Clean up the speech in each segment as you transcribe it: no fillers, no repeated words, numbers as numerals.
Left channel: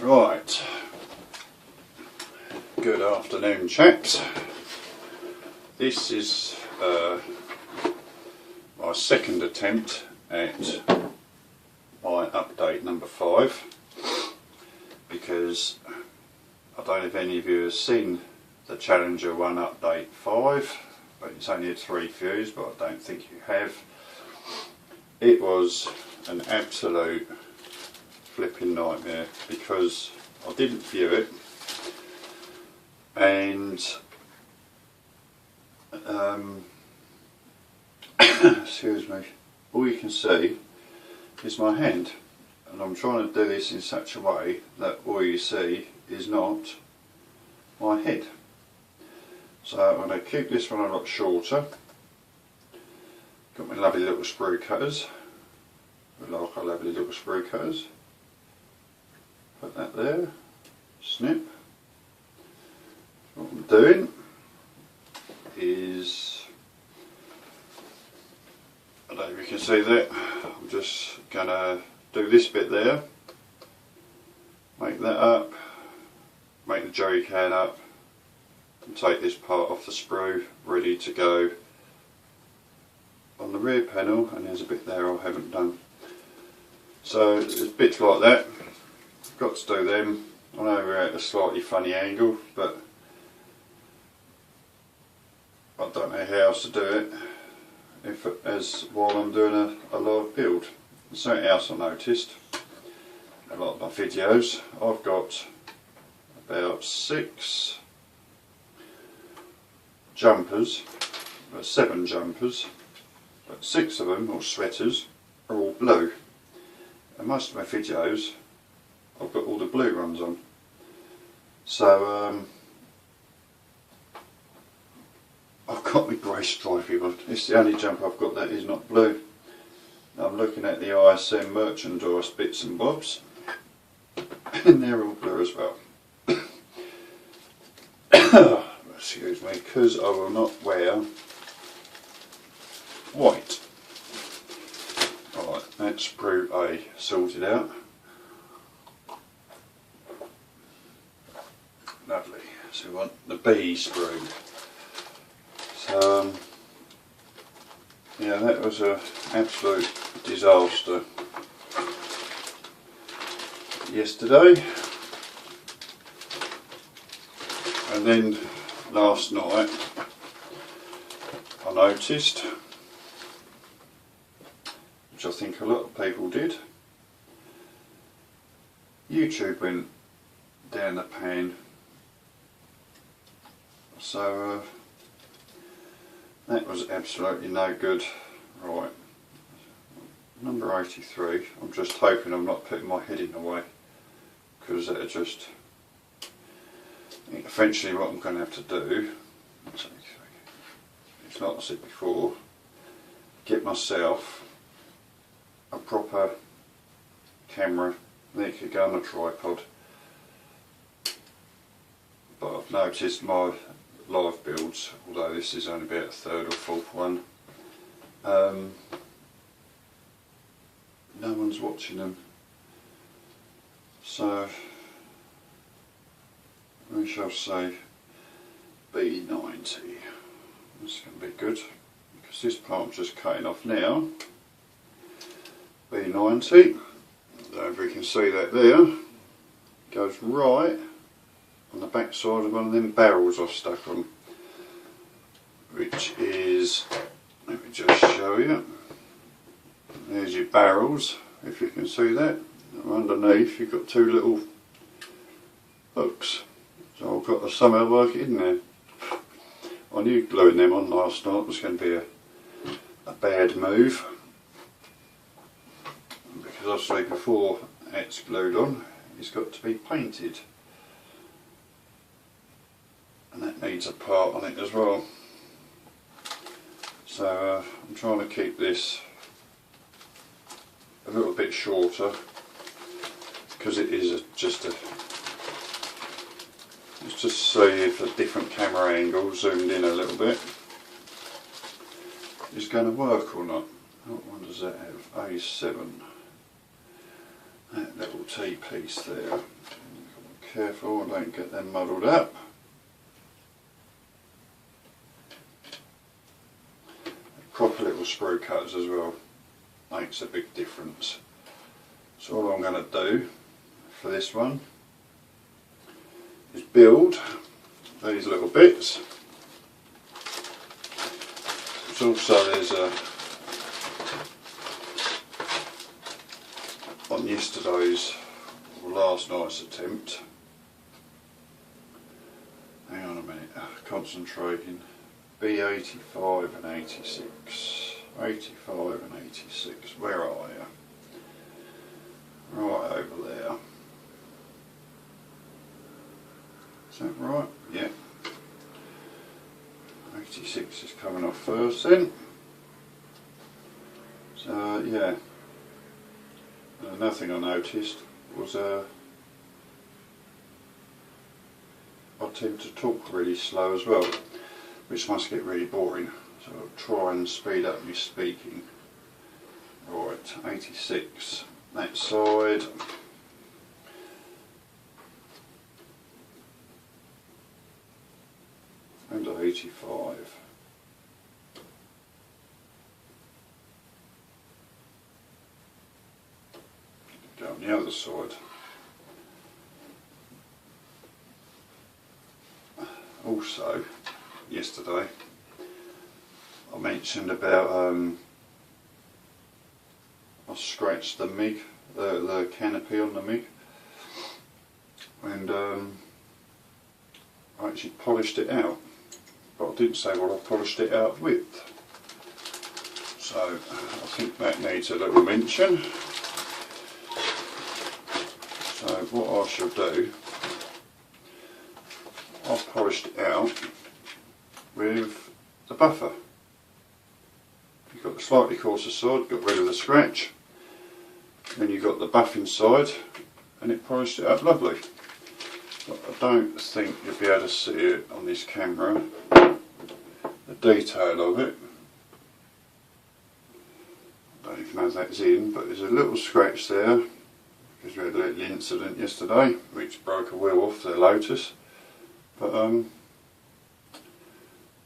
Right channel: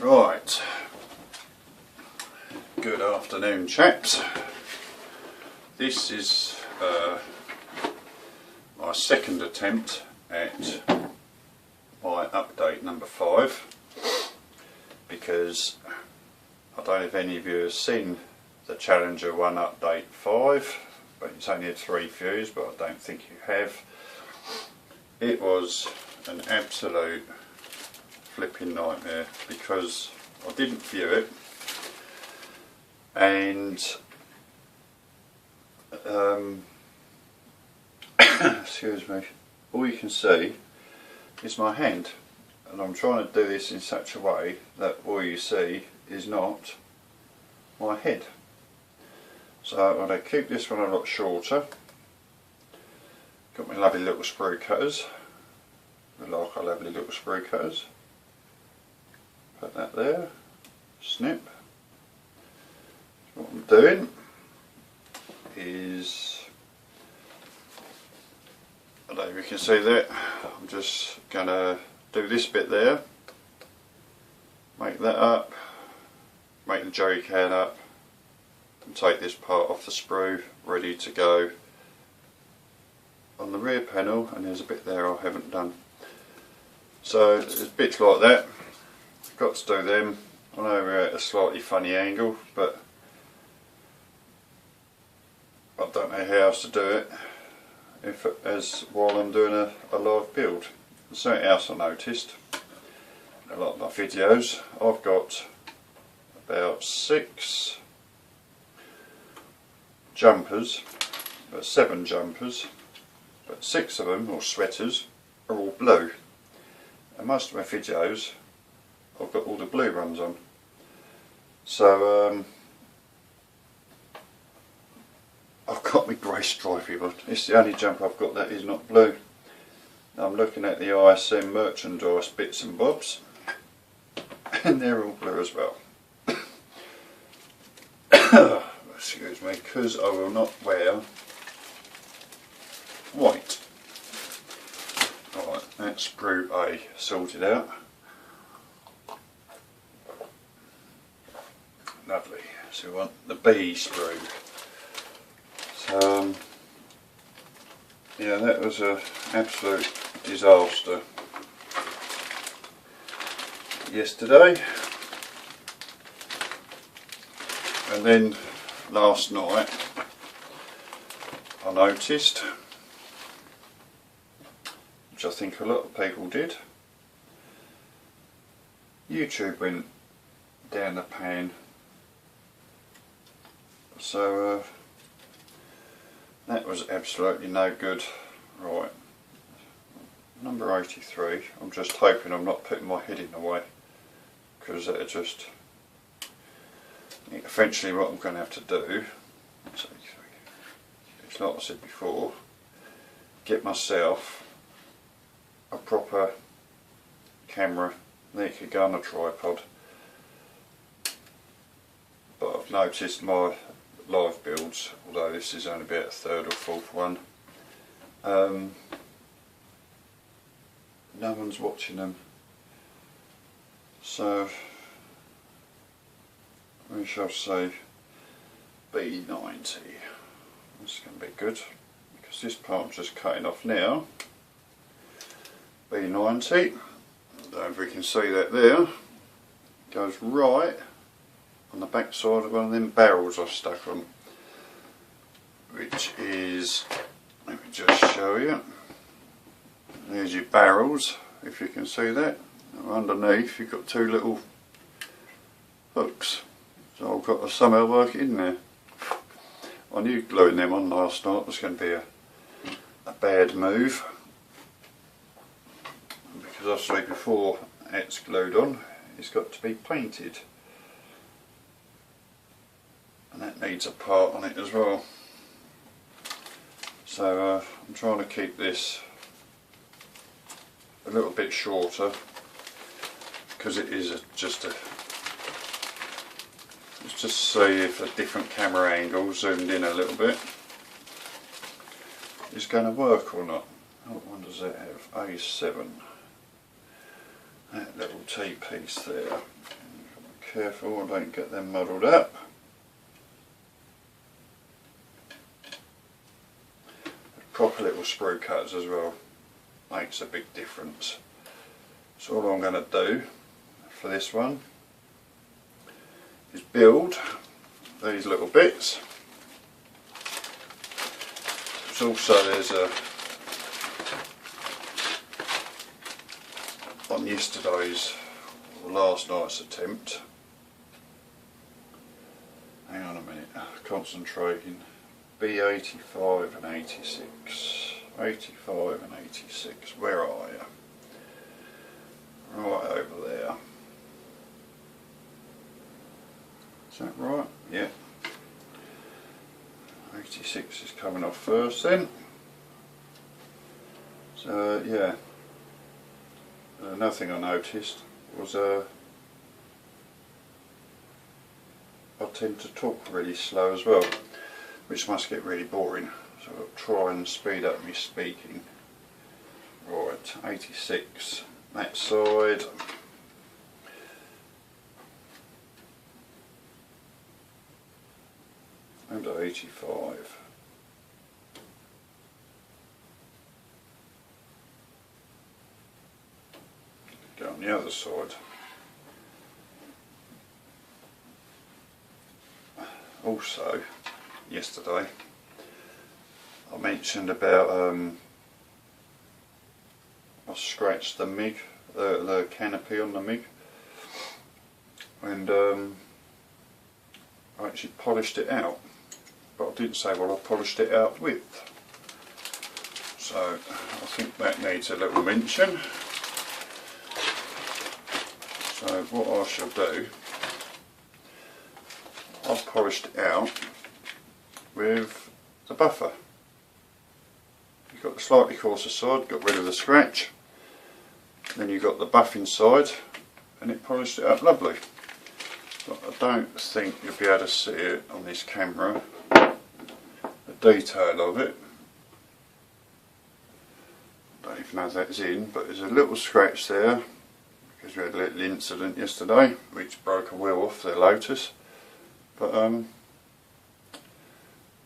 Right, good afternoon chaps. This is my second attempt at my update number 5, because I don't know if any of you have seen the Challenger1 update 5, but it's only had 3 views, but I don't think you have. It was an absolute flipping nightmare because I didn't view it, and excuse me, all you can see is my hand, and I'm trying to do this in such a way that all you see is not my head. So I'm going to keep this one a lot shorter. Got my lovely little sprue cutters. I like our lovely little sprue cutters. Put that there, snip. What I'm doing is, I don't know if you can see that, I'm just going to do this bit there, make that up, make the jerry can up, and take this part off the sprue, ready to go on the rear panel, and there's a bit there I haven't done. So there's bits like that. Got to do them. I know we're at a slightly funny angle, but I don't know how else to do it while I'm doing a live build. Something else I noticed, a lot of my videos, I've got about 6 jumpers, 7 jumpers, but 6 of them, or sweaters, are all blue. And most of my videos I've got all the blue ones on. So I've got my grey stripy one. It's the only jumper I've got that is not blue. Now I'm looking at the ISM merchandise bits and bobs, and they're all blue as well. Excuse me, because I will not wear white. Alright, that's sprue A sorted out. Lovely. So we want the B sprue. So yeah, that was an absolute disaster yesterday, and then last night I noticed, which I think a lot of people did, YouTube went down the pan. So that was absolutely no good. Right, number 83, I'm just hoping I'm not putting my head in the way, because that'll just, eventually what I'm going to have to do, it's like I said before, get myself a proper camera that could go on a tripod. But I've noticed my live builds, although this is only about the 3rd or 4th one, no one's watching them. So we shall say B90. This is going to be good, because this part I'm just cutting off now. B90, I don't know if we can see that there, goes right on the back side of one of them barrels I've stuck on, which is, let me just show you, there's your barrels, if you can see that. Underneath you've got 2 little hooks, so I've got to somehow work it in there. I knew gluing them on last night was going to be a bad move, because obviously before it's glued on it's got to be painted, and that needs a part on it as well. So I'm trying to keep this a little bit shorter, because it is just see if a different camera angle zoomed in a little bit is going to work or not. What one does that have? A7. That little T piece there. careful I don't get them muddled up. Proper little sprue cuts as well, makes a big difference. So all I'm going to do for this one is build these little bits. There's on yesterday's or last night's attempt. Hang on a minute, concentrating. B85 and 86. 85 and 86. Where are you? Right over there. Is that right? Yeah. 86 is coming off first then. So yeah. Another thing I noticed was I tend to talk really slow as well, which must get really boring. So I'll try and speed up my speaking. Right, 86, that side. And 85. Go on the other side. Also, yesterday I mentioned about I scratched the MIG, the canopy on the MIG, and I actually polished it out, but I didn't say what I polished it out with. So I think that needs a little mention. So what I shall do, I've polished it out with the buffer. You've got the slightly coarser side, got rid of the scratch, then you've got the buff inside, and it polished it up lovely. But I don't think you'll be able to see it on this camera, the detail of it. I don't even know if that's in, but there's a little scratch there because we had a little incident yesterday which broke a wheel off the Lotus, but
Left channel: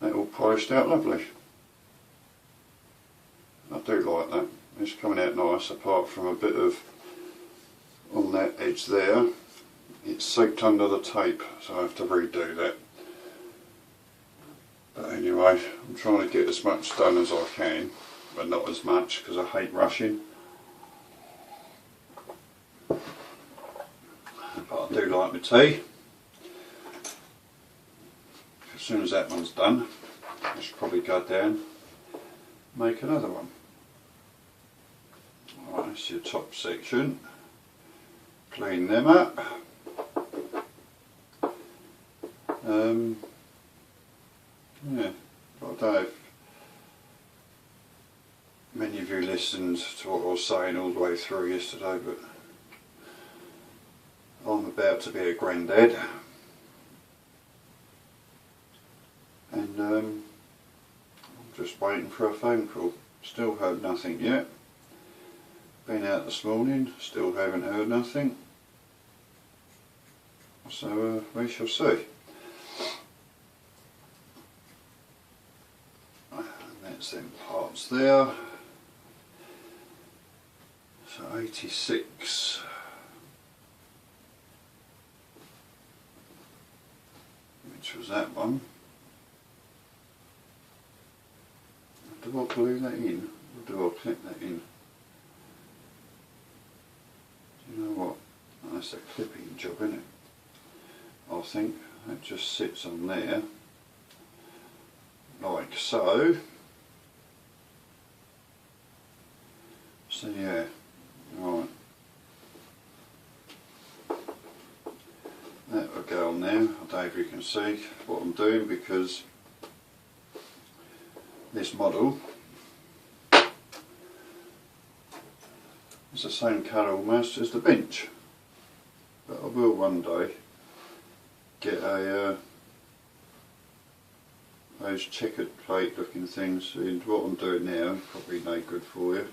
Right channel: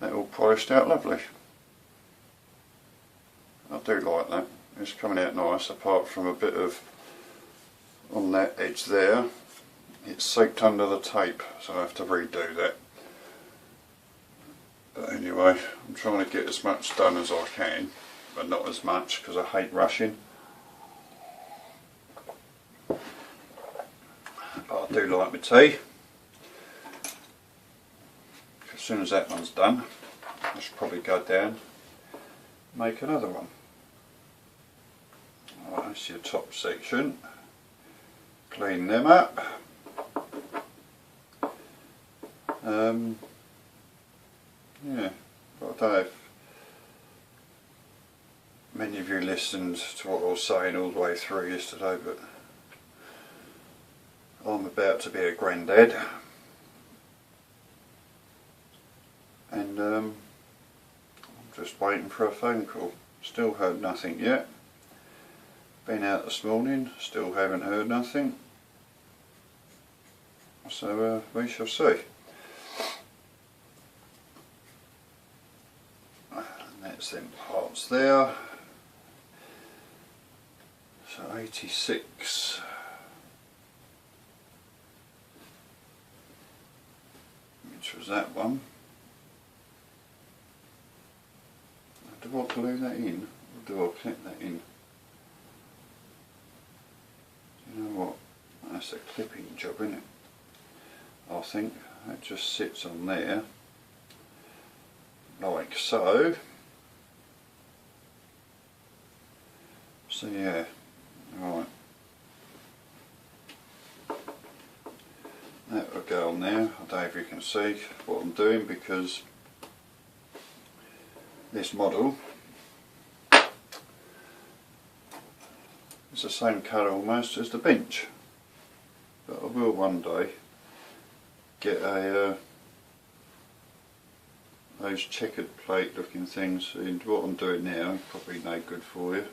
that all polished out lovely. I do like that, it's coming out nice, apart from a bit of, on that edge there, it's soaked under the tape, so I have to redo that. But anyway, I'm trying to get as much done as I can, but not as much because I hate rushing. But I do like my tea. As soon as that one's done, I should probably go down and make another one. Right, that's your top section. Clean them up. Yeah, but I don't know if many of you listened to what I was saying all the way through yesterday, but I'm about to be a granddad, and I'm just waiting for a phone call. Still heard nothing yet. Been out this morning, still haven't heard nothing. So we shall see. And that's them parts there. So 86. Which was that one. Do I glue that in, or do I clip that in? Do you know what? That's a clipping job, isn't it? I think that just sits on there, like so. So yeah, right. That will go on there. I don't know if you can see what I'm doing, because this model is the same colour almost as the bench, but I will one day get a those checkered plate looking things, and what I'm doing now probably no good for you.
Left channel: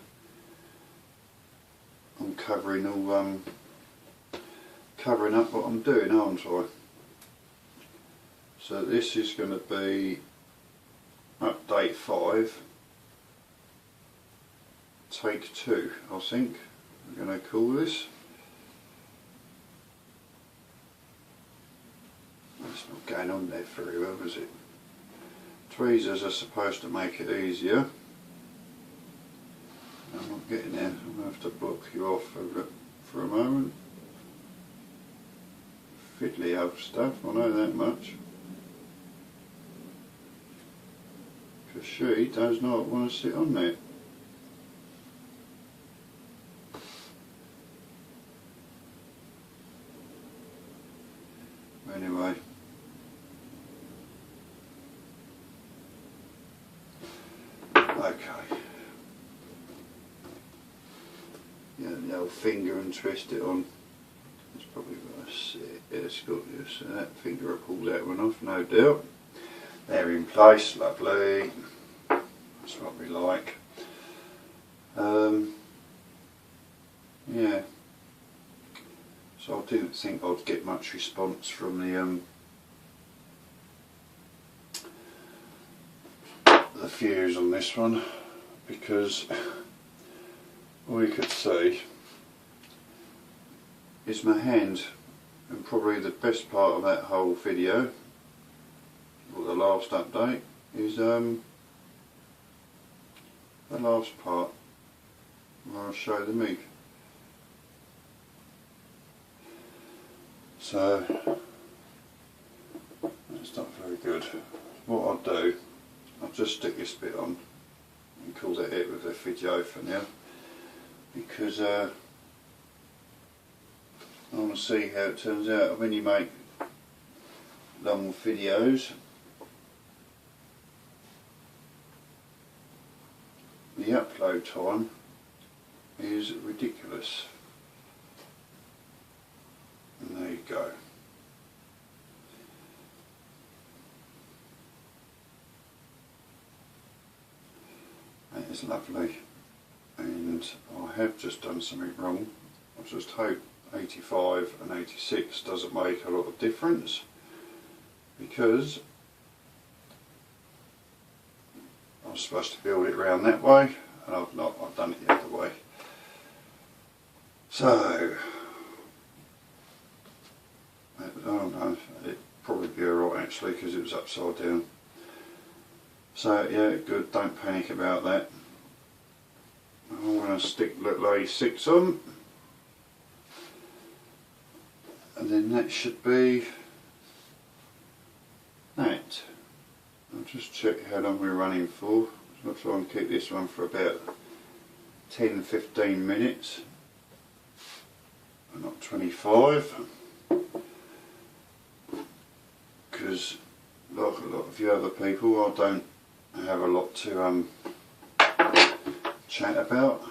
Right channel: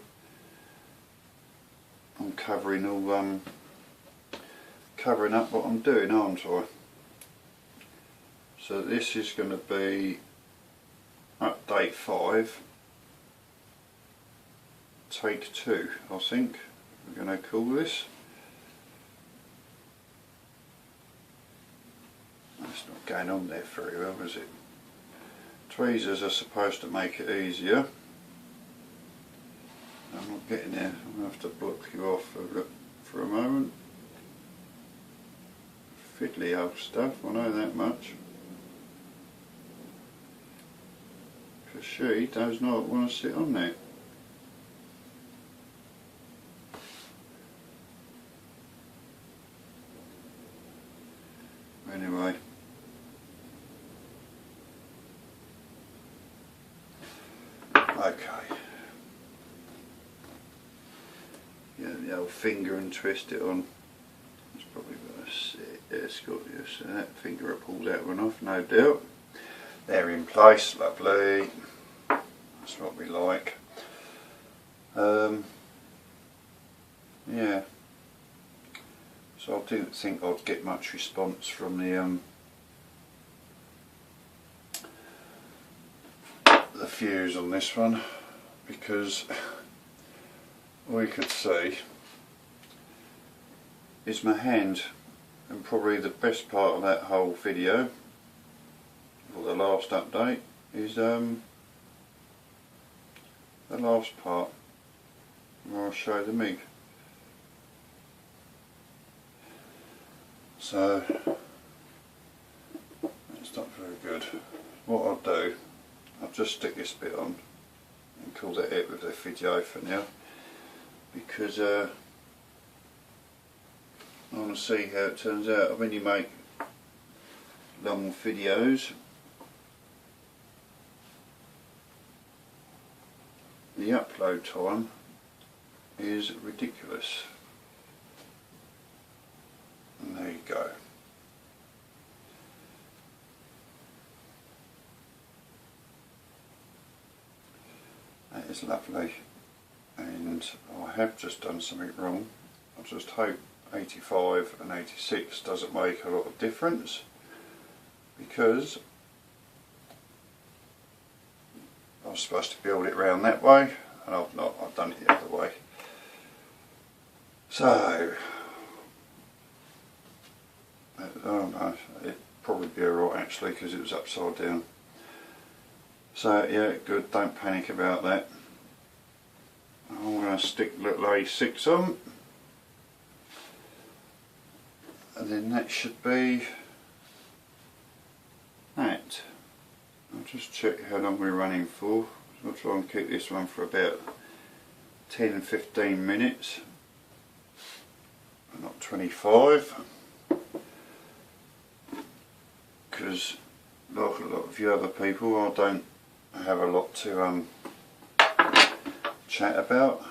I'm covering all covering up what I'm doing, aren't I? So this is going to be update 5, take 2, I think we're going to call this. It's not going on there very well, is it? Tweezers are supposed to make it easier. I'm not getting there. I'm going to have to block you off for a moment. Fiddly old stuff, I know that much. Because she does not want to sit on there. Anyway. Okay. Yeah, the old finger and twist it on. It's probably going to sit. It's got you. So that finger pulls that one off, no doubt. They're in place, lovely. That's what we like. Yeah. So I didn't think I'd get much response from the fuse on this one, because all you could see is my hand, and probably the best part of that whole video, or the last update, is the last part where I'll show the MIG. So that's not very good. What I'll do, I'll just stick this bit on and call that it with the video for now, because I want to see how it turns out. When you make long videos, the upload time is ridiculous. And there you go. That is lovely, and I have just done something wrong. I just hope 85 and 86 doesn't make a lot of difference, because I was supposed to build it round that way and I've not, I've done it the other way. So I don't know, it'd probably be alright actually, because it was upside down. So yeah, good, don't panic about that. I'm going to stick little A6 on, and then that should be that. I'll just check how long we're running for. I'll try and keep this one for about 10-15 minutes, not 25, because like a lot of you other people, I don't have a lot to chat about.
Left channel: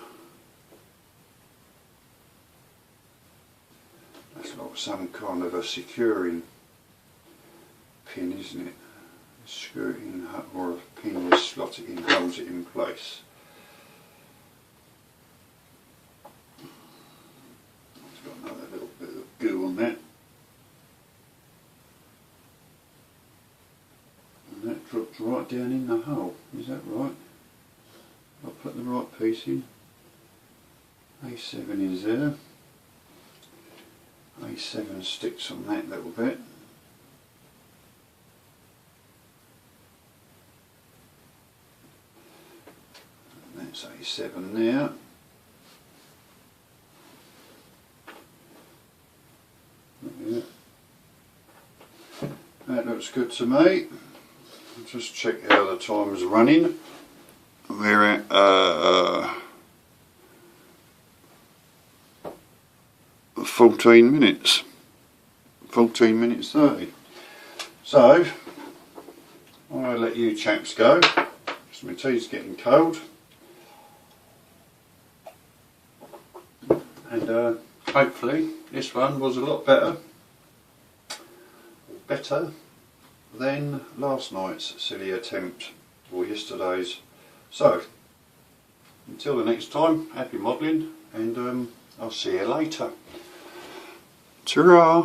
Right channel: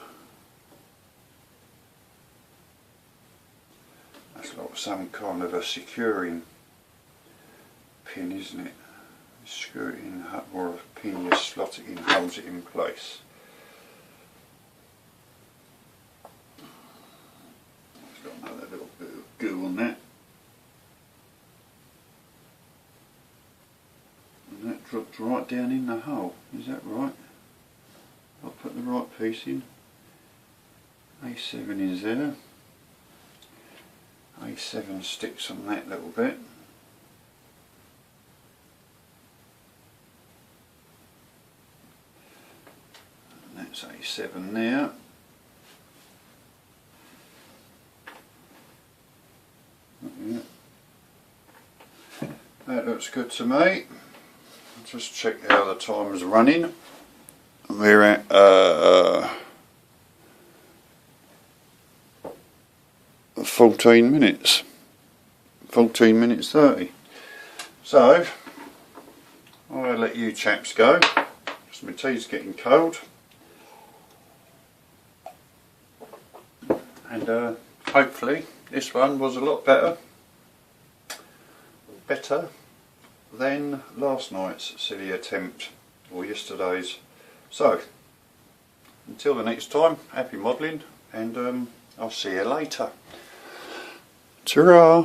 That's like some kind of a securing pin, isn't it? Screw it in, or a pin, just slot it in, holds it in place. I've got another little bit of goo on that. And that dropped right down in the hole, is that right? I'll put the right piece in. A7 is there. A7 sticks on that little bit. And that's A7 there. Yeah. That looks good to me. Just check how the time's running. We're at 14 minutes. 14 minutes 30. So I'll let you chaps go, because my tea's getting cold. And hopefully this one was a lot better than last night's silly attempt, or yesterday's. So until the next time, happy modelling, and I'll see you later. Ta-ra!